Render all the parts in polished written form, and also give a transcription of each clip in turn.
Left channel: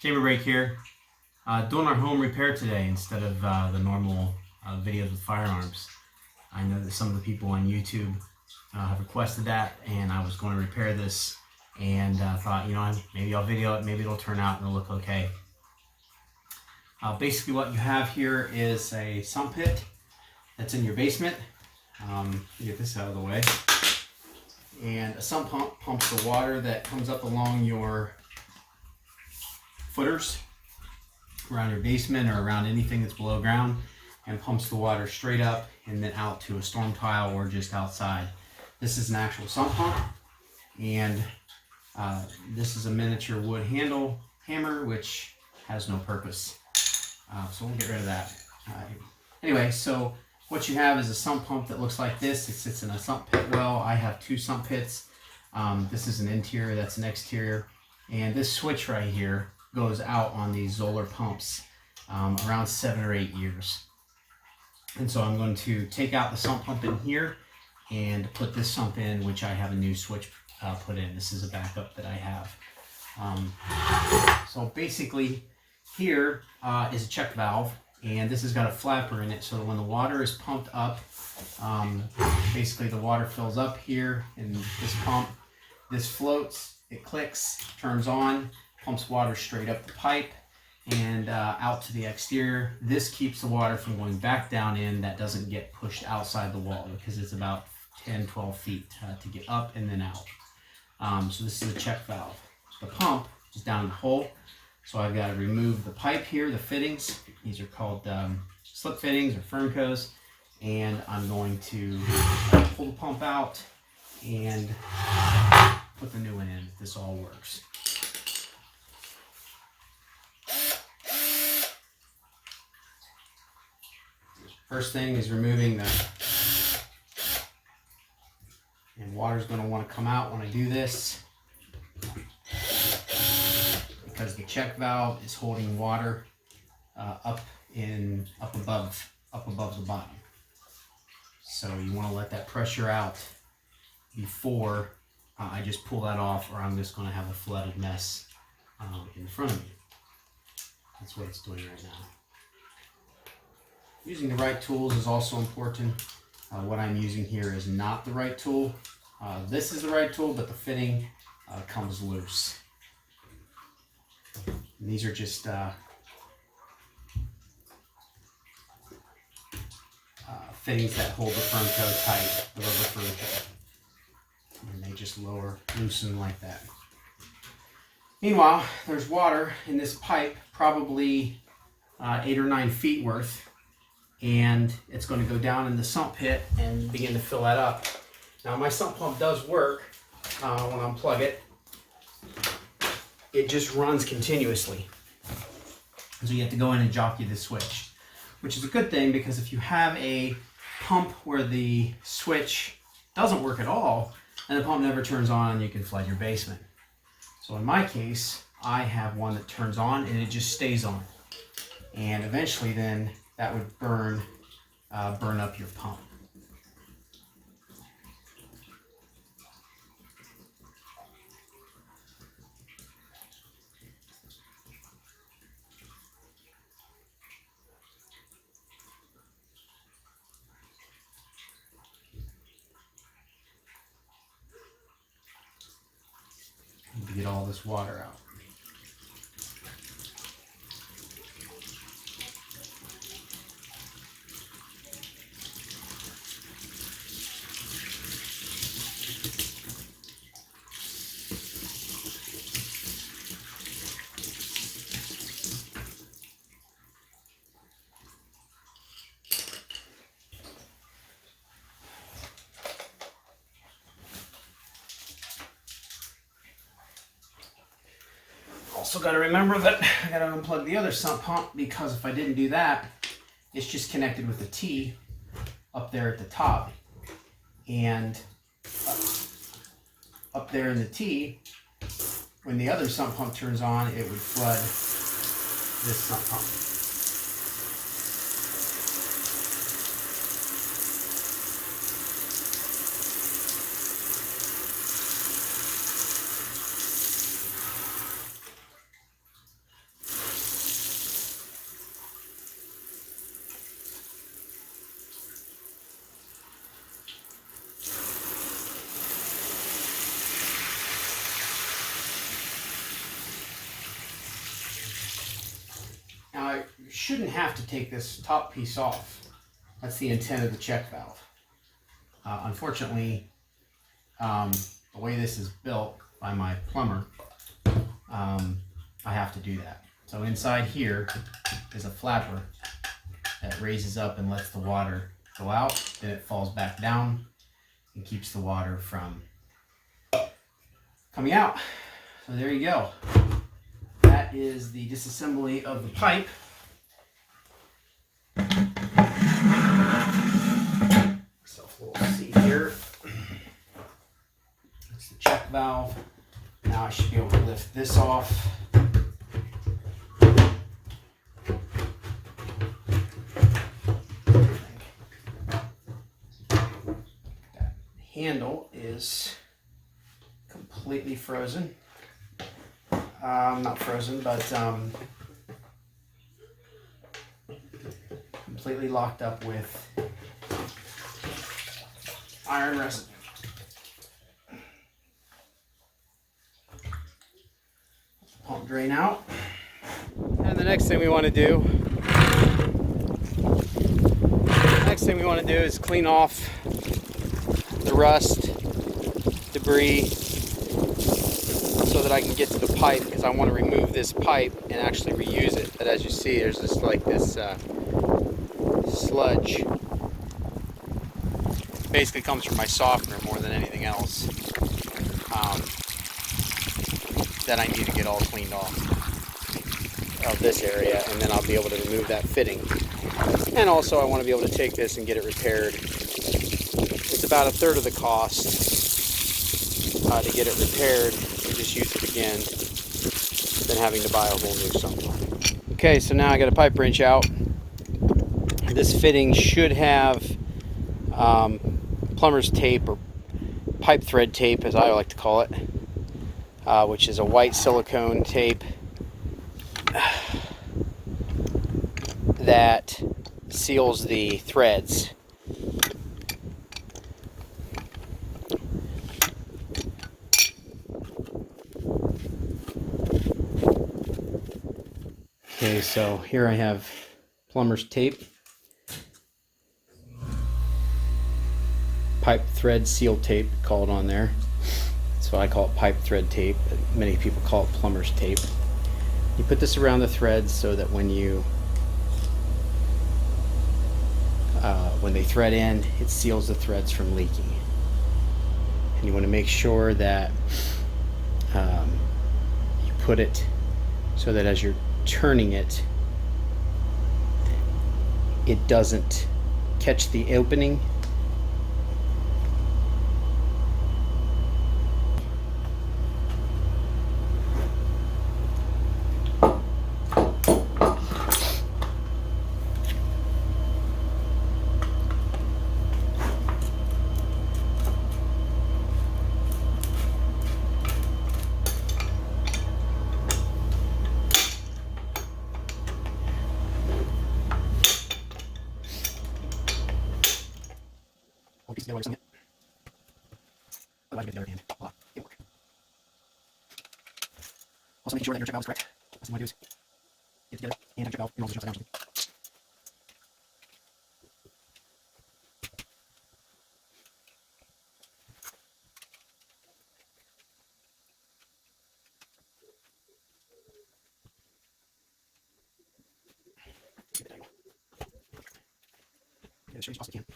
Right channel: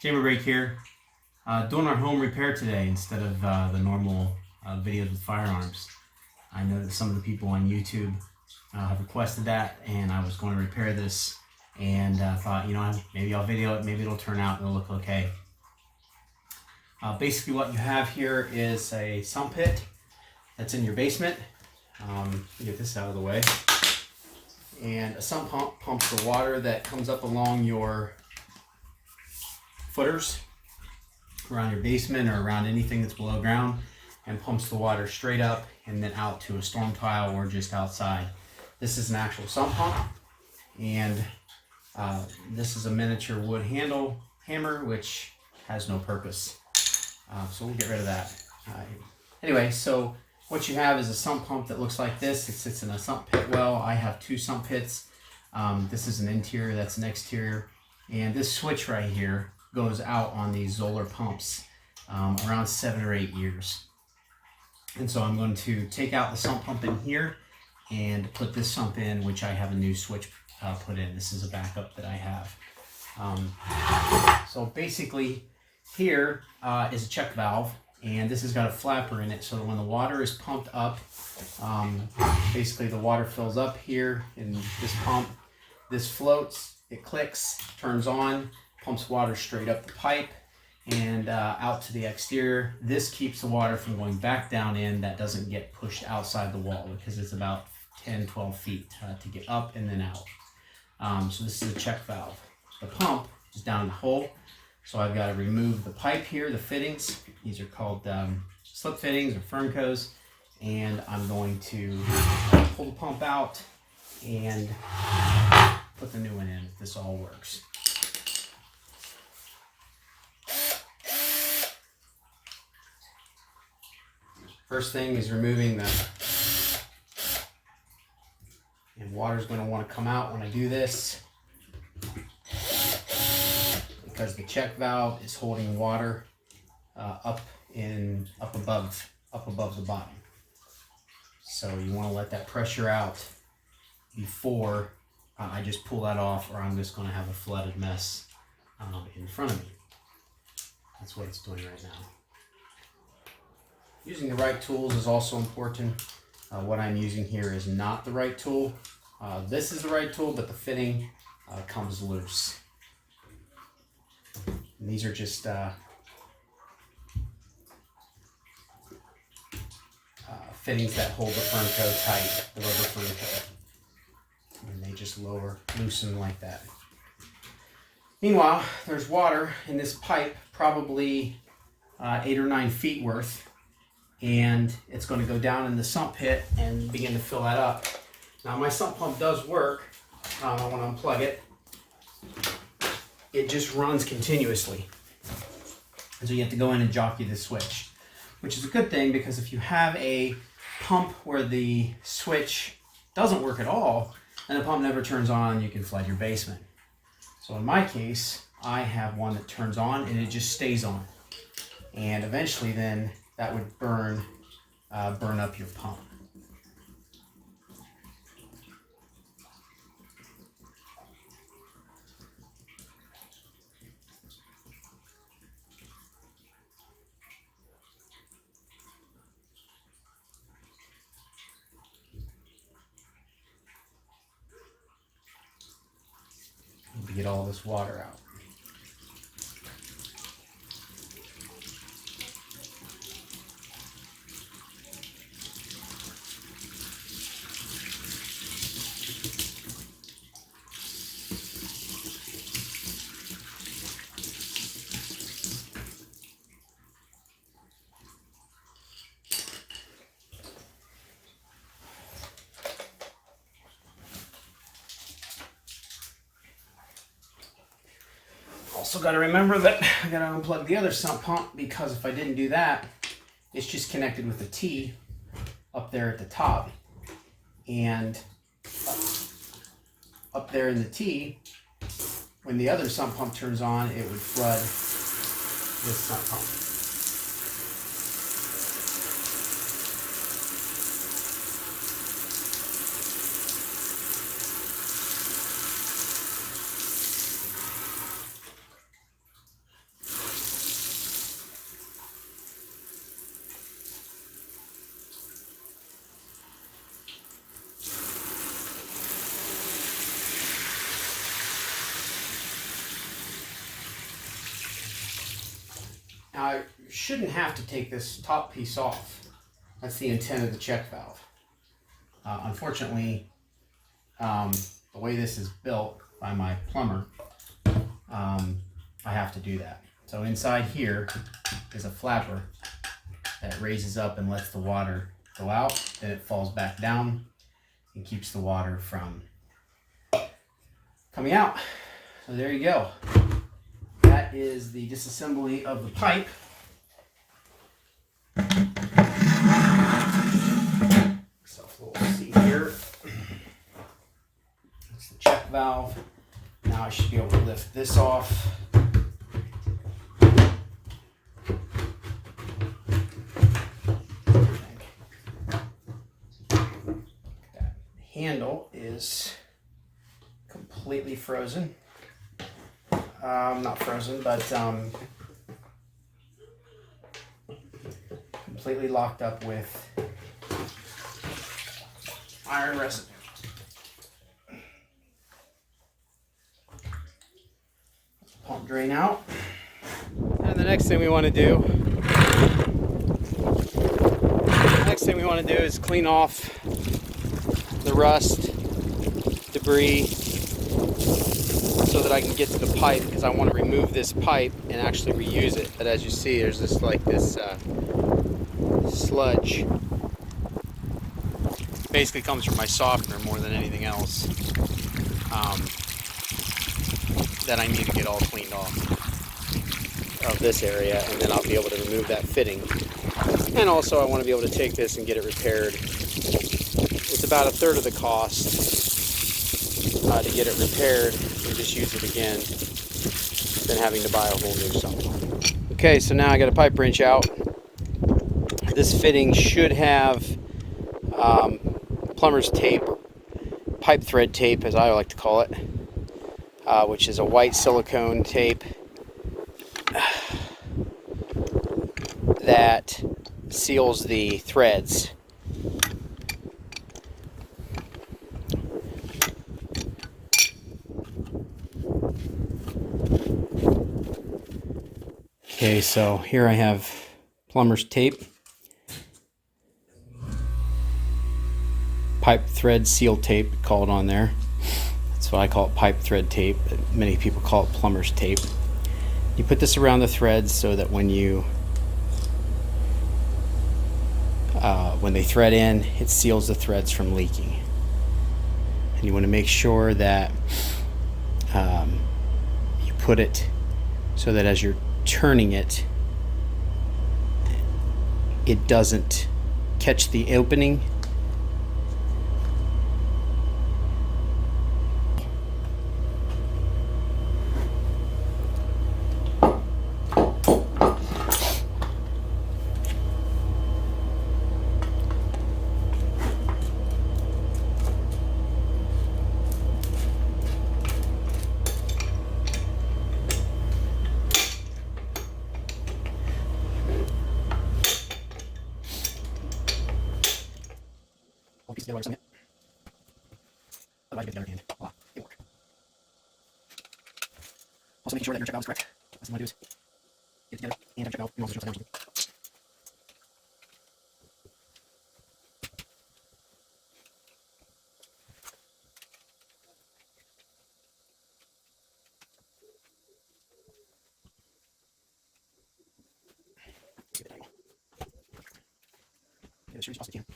Chamber break here. Doing our home repair today instead of the normal videos with firearms. I know that some of the people on YouTube have requested that, and I was going to repair this and thought, you know, maybe I'll video it, maybe it'll turn out and it'll look okay. Basically what you have here is a sump pit that's in your basement. Get this out of the way. And a sump pump pumps the water that comes up along your footers around your basement or around anything that's below ground, and pumps the water straight up and then out to a storm tile or just outside. This is an actual sump pump, and this is a miniature wood hammer which has no purpose. So we'll get rid of that. Anyway, so what you have is a sump pump that looks like this. It sits in a sump pit well. I have two sump pits. This is an interior, that's an exterior. And this switch right here goes out on these Zoeller pumps around 7 or 8 years. And so I'm going to take out the sump pump in here and put this sump in, which I have a new switch put in. This is a backup that I have. So basically here is a check valve, and this has got a flapper in it, so that when the water is pumped up, basically the water fills up here in this pump. This floats, it clicks, turns on, pumps water straight up the pipe and out to the exterior. This keeps the water from going back down in. That doesn't get pushed outside the wall because it's about 10-12 feet to get up and then out. So this is a check valve. The pump is down in the hole, so I've got to remove the pipe here, the fittings. These are called slip fittings or Firmcos, and I'm going to pull the pump out and put the new one in if this all works. First thing is removing the, and water's going to want to come out when I do this, because the check valve is holding water up above the bottom. So you want to let that pressure out before I just pull that off, or I'm just going to have a flooded mess in front of me. That's what it's doing right now. Using the right tools is also important. What I'm using here is not the right tool. This is the right tool, but the fitting comes loose. And these are just fittings that hold the Firmco tight, the rubber Firmco. And they just loosen like that. Meanwhile, there's water in this pipe, probably 8 or 9 feet worth, and it's going to go down in the sump pit and begin to fill that up. Now my sump pump does work when I unplug it. It just runs continuously. So you have to go in and jockey the switch, which is a good thing, because if you have a pump where the switch doesn't work at all and the pump never turns on, you can flood your basement. So in my case, I have one that turns on and it just stays on. And eventually then that would burn up your pump. To get all this water out. Also got to remember that I got to unplug the other sump pump, because if I didn't do that, it's just connected with a T up there at the top, and up there in the T, when the other sump pump turns on, it would flood this sump pump. shouldn't have to take this top piece off. That's the intent of the check valve. Unfortunately, the way this is built by my plumber, I have to do that. So inside here is a flapper that raises up and lets the water go out. Then it falls back down and keeps the water from coming out. So there you go. That is the disassembly of the pipe. Myself a little seat here. That's the check valve. Now I should be able to lift this off. That handle is completely frozen. Not frozen, but completely locked up with iron resin. Pump drain out. And the next thing we want to do, is clean off the rust, debris, so that I can get to the pipe, because I want to remove this pipe and actually reuse it. But as you see, there's this sludge. Basically comes from my softener more than anything else, that I need to get all cleaned off of this area, and then I'll be able to remove that fitting. And also I want to be able to take this and get it repaired. It's about a third of the cost to get it repaired and just use it again than having to buy a whole new sump. Okay, so now I got a pipe wrench out. This fitting should have plumber's tape, or pipe thread tape as I like to call it, which is a white silicone tape that seals the threads. Okay, so here I have plumber's tape, pipe thread seal tape called on there. That's what I call it, pipe thread tape, but many people call it plumber's tape. You put this around the threads so that when they thread in, it seals the threads from leaking. And you want to make sure that you put it so that as you're turning it, it doesn't catch the opening. One piece together like something. Otherwise, you get together and voila, it'll work. Also, making sure that your check valve is correct. Last thing we do is get it together and have check valve, and also just upside down something. Get it as straight as possibly can.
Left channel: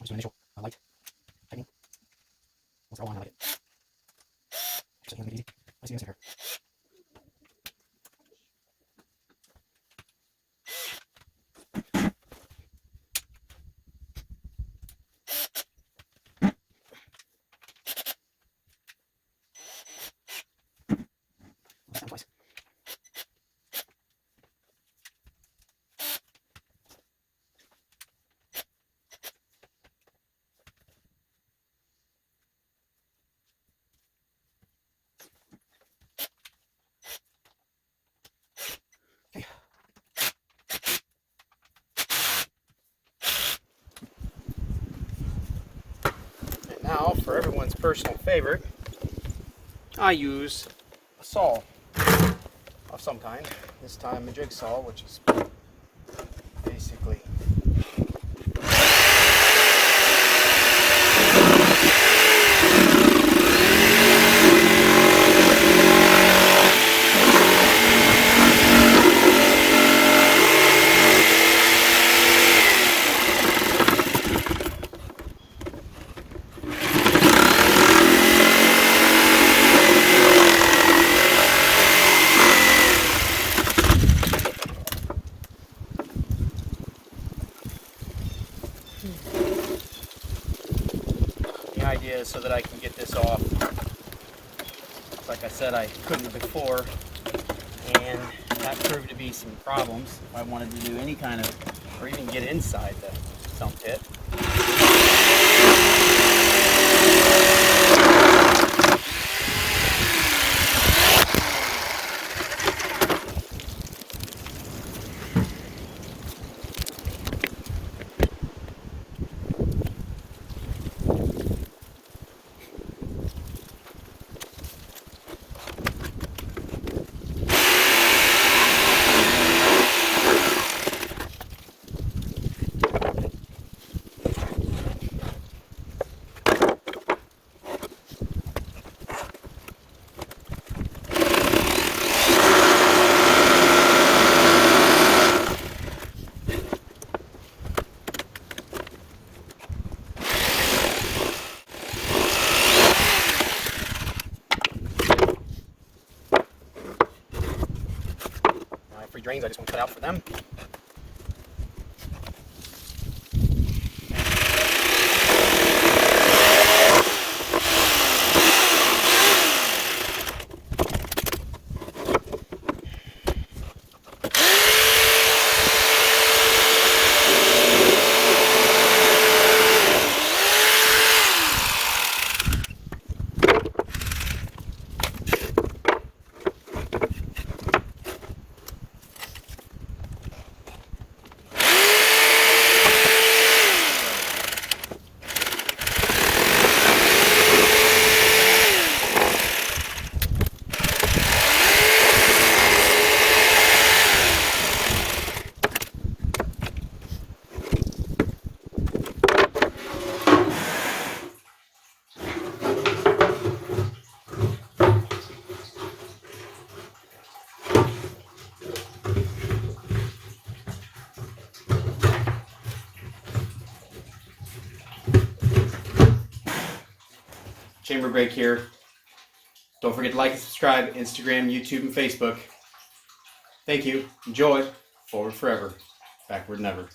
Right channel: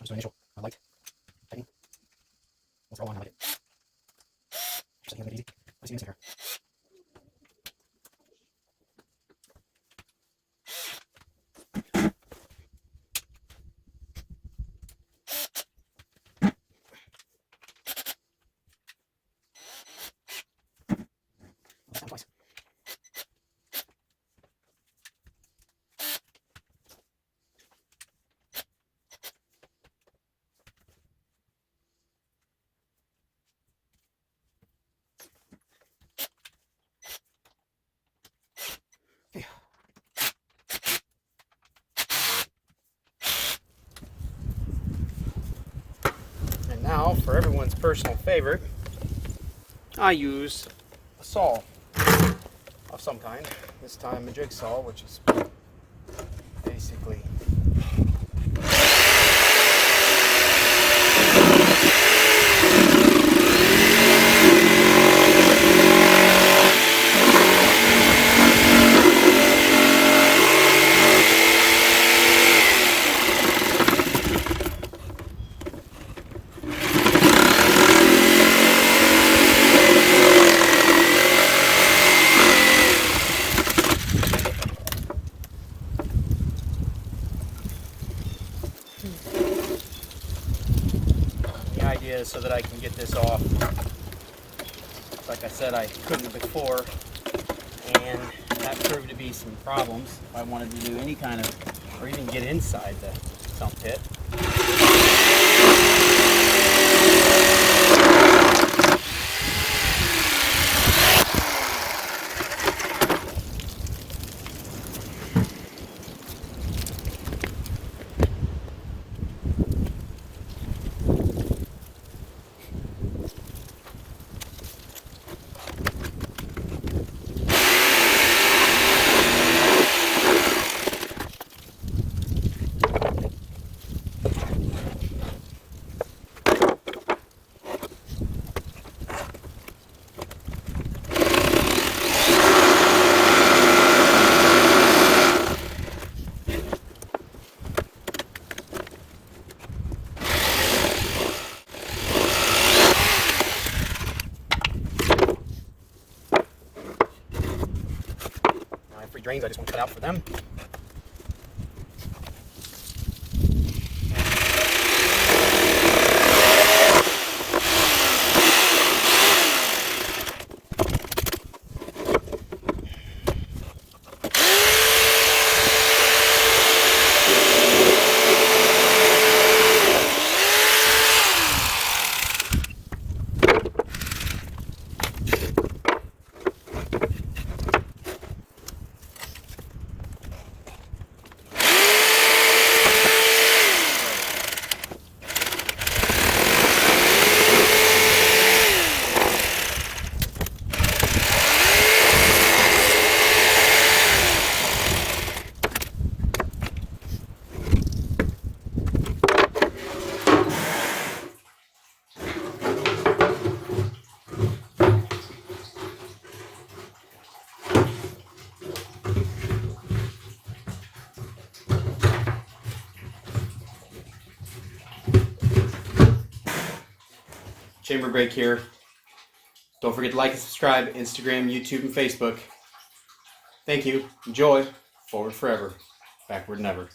Just an initial light tightening. Let's go on, I like it. Just like it easy. Let's see this here. Let's twice. now, for everyone's personal favorite, I use a saw of some kind. This time a jigsaw, which is basically the idea is so that I can get this off. Like I said, I couldn't before, and that proved to be some problems if I wanted to do any kind of, or even get inside the sump pit. Drains I just want to cut out for them. Chamber break here. Don't forget to like and subscribe, Instagram, YouTube, and Facebook. Thank you. Enjoy. Forward forever. Backward never.